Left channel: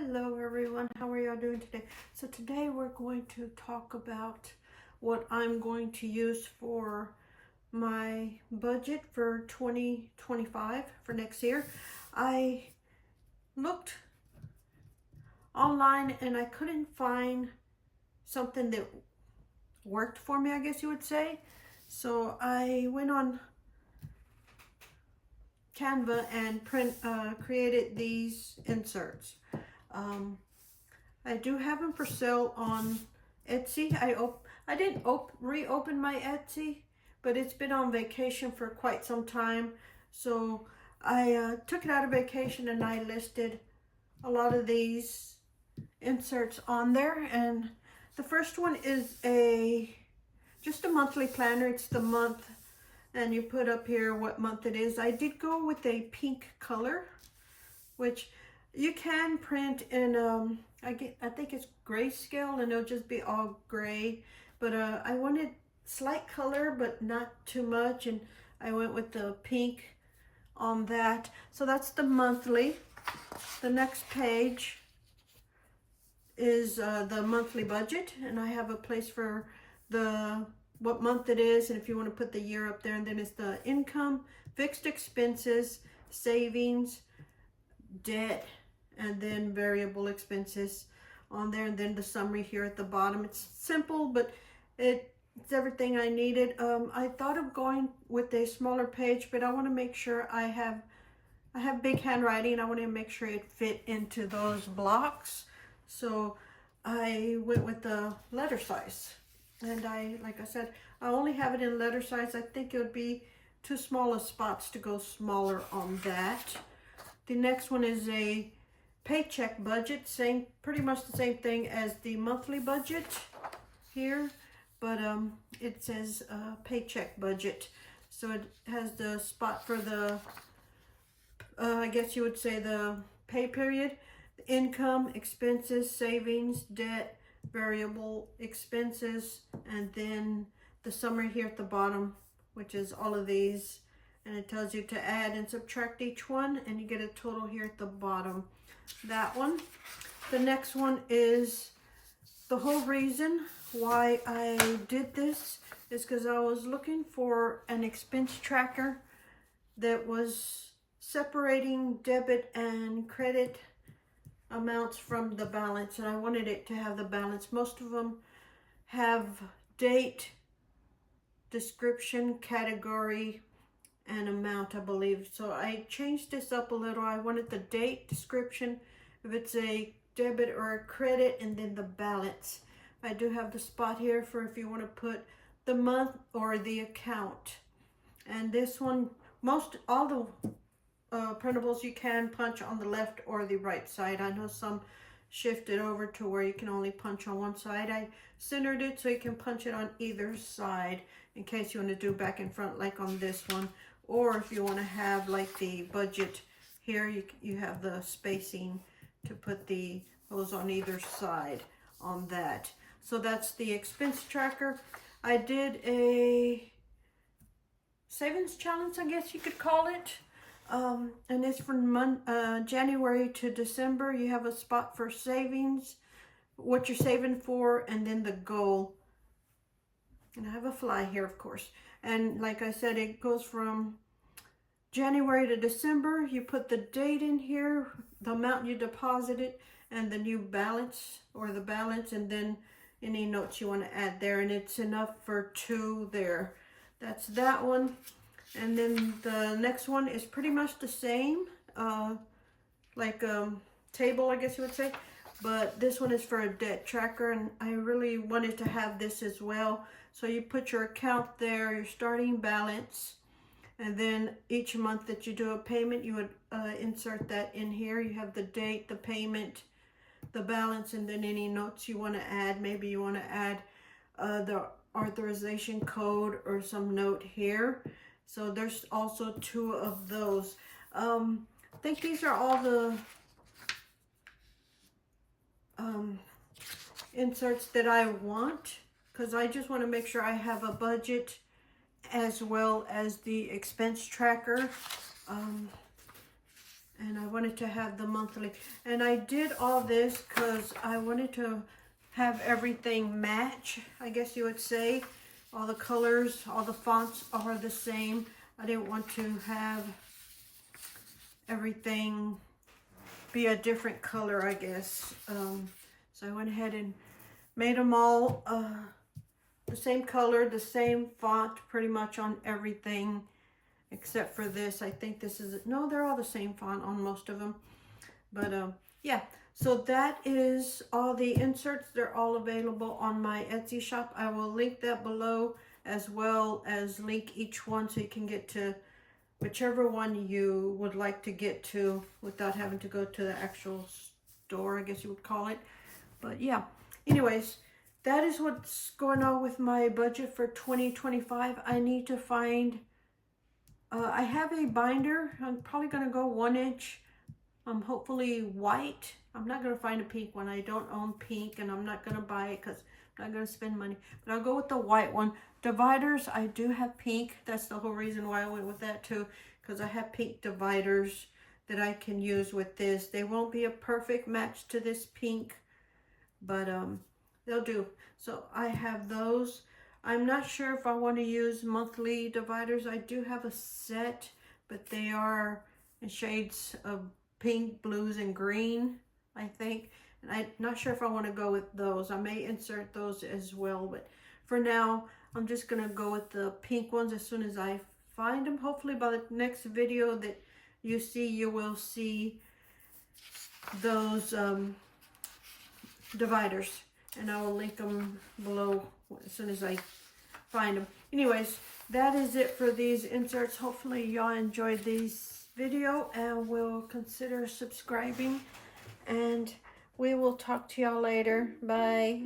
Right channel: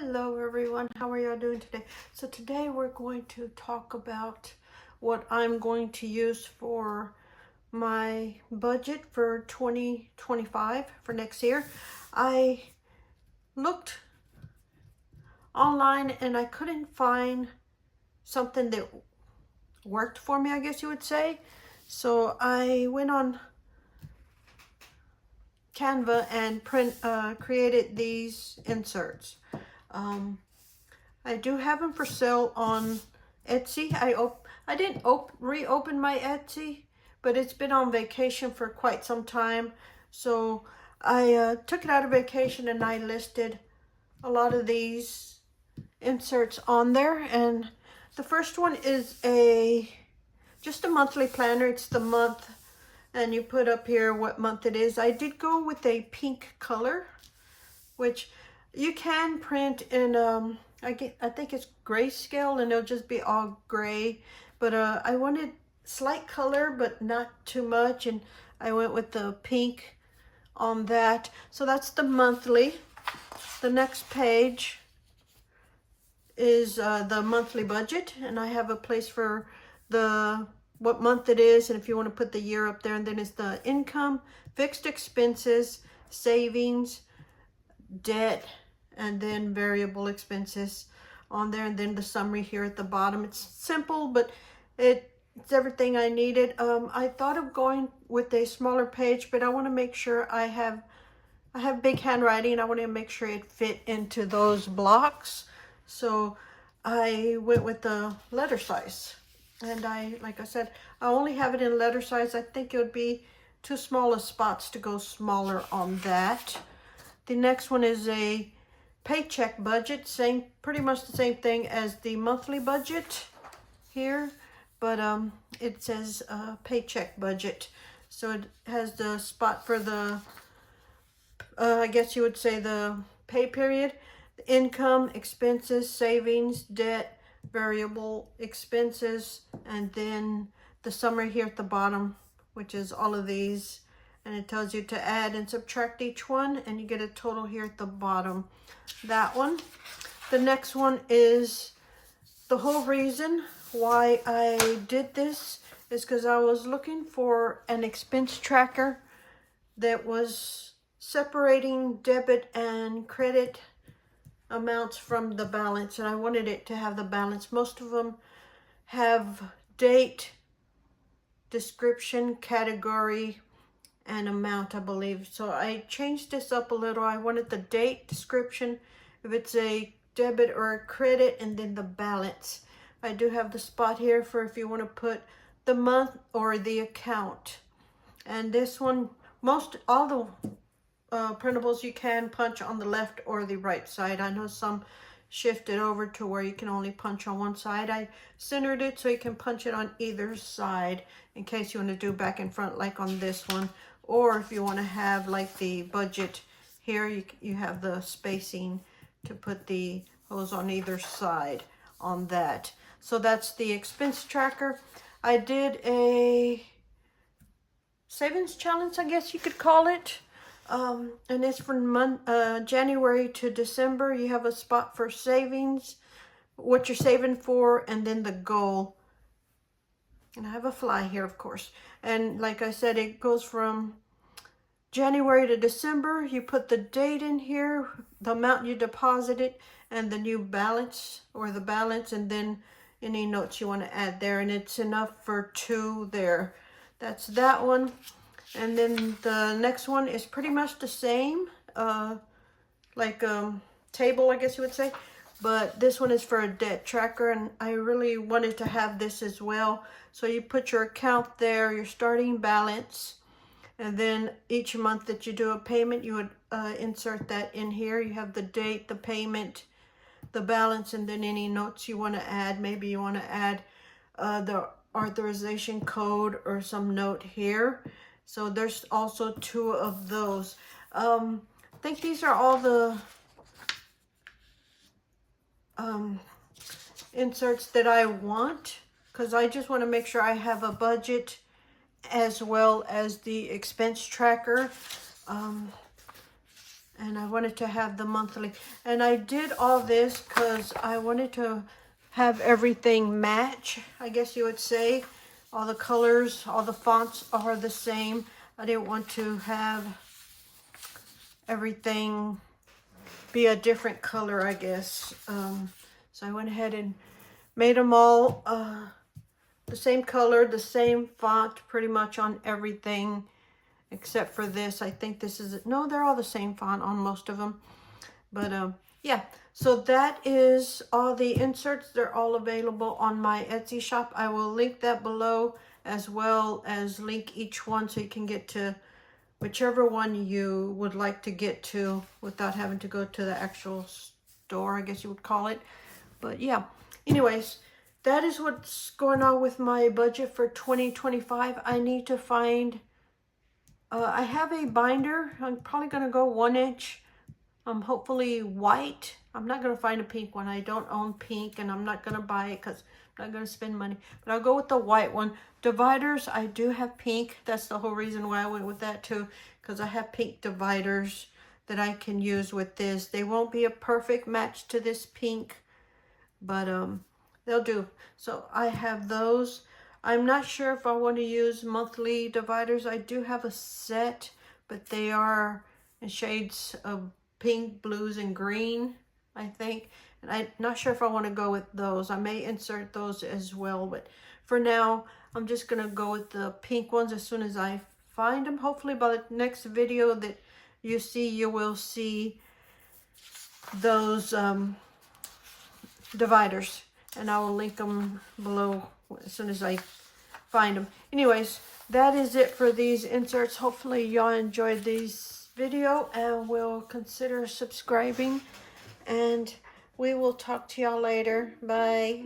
Hello everyone, how are y'all doing today? So today we're going to talk about what I'm going to use for my budget for 2025 for next year. I looked online and I couldn't find something that worked for me, I guess you would say. So I went on Canva and created these inserts. I do have them for sale on Etsy. I didn't reopen my Etsy, but it's been on vacation for quite some time. So I took it out of vacation and I listed a lot of these inserts on there. And the first one is just a monthly planner. It's the month, and you put up here what month it is. I did go with a pink color, which you can print in I think it's grayscale, and it'll just be all gray, but I wanted slight color but not too much, and I went with the pink on that. So that's the monthly. The next page is the monthly budget, and I have a place for what month it is, and if you want to put the year up there, and then it's the income, fixed expenses, savings, debt, and then variable expenses on there, and then the summary here at the bottom. It's simple, but it's everything I needed. I thought of going with a smaller page, but I want to make sure I have big handwriting. I want to make sure it fit into those blocks, so I went with the letter size. And like I said, I only have it in letter size. I think it would be too small of spots to go smaller on that. The next one is a paycheck budget, pretty much the same thing as the monthly budget here, but it says paycheck budget. So it has the spot for the, I guess you would say the pay period, income, expenses, savings, debt, variable expenses, and then the summary here at the bottom, which is all of these. And it tells you to add and subtract each one, and you get a total here at the bottom. That one. The next one is the whole reason why I did this is because I was looking for an expense tracker that was separating debit and credit amounts from the balance, and I wanted it to have the balance. Most of them have date, description, category, and amount, I believe. So I changed this up a little. I wanted the date, description, if it's a debit or a credit, and then the balance. I do have the spot here for if you want to put the month or the account. And this one, all the printables you can punch on the left or the right side. I know some shift it over to where you can only punch on one side. I centered it so you can punch it on either side in case you want to do back and front like on this one. Or if you want to have like the budget here, you have the spacing to put the hose on either side on that. So that's the expense tracker. I did a savings challenge, I guess you could call it. And it's from January to December. You have a spot for savings, what you're saving for, and then the goal. And I have a fly here, of course. And like I said, it goes from January to December. You put the date in here, the amount you deposited, and the new balance or the balance, and then any notes you want to add there. And it's enough for 2 there. That's that one. And then the next one is pretty much the same, like table, I guess you would say. But this one is for a debt tracker, and I really wanted to have this as well. So you put your account there, your starting balance, and then each month that you do a payment, you would insert that in here. You have the date, the payment, the balance, and then any notes you want to add. Maybe you want to add the authorization code or some note here. So there's also 2 of those. I think these are all the inserts that I want, because I just want to make sure I have a budget as well as the expense tracker. And I wanted to have the monthly. And I did all this because I wanted to have everything match, I guess you would say. All the colors, all the fonts are the same. I didn't want to have everything be a different color, I guess. So I went ahead and made them all the same color, the same font, pretty much on everything, except for this. I think this is, no, they're all the same font on most of them. But yeah, so that is all the inserts. They're all available on my Etsy shop. I will link that below, as well as link each one so you can get to whichever one you would like to get to without having to go to the actual store, I guess you would call it. But yeah, anyways, that is what's going on with my budget for 2025. I need to find, I have a binder. I'm probably going to go 1 inch. Hopefully white. I'm not going to find a pink one. I don't own pink, and I'm not going to buy it because I'm not going to spend money. But I'll go with the white one. Dividers, I do have pink. That's the whole reason why I went with that too, because I have pink dividers that I can use with this. They won't be a perfect match to this pink, but they'll do. So I have those. I'm not sure if I want to use monthly dividers. I do have a set, but they are in shades of pink, blues, and green, I think. And I'm not sure if I want to go with those. I may insert those as well, but for now, I'm just going to go with the pink ones as soon as I find them. Hopefully by the next video that you see, you will see those dividers. And I will link them below as soon as I find them. Anyways, that is it for these inserts. Hopefully y'all enjoyed these video and will consider subscribing, and we will talk to y'all later. Bye.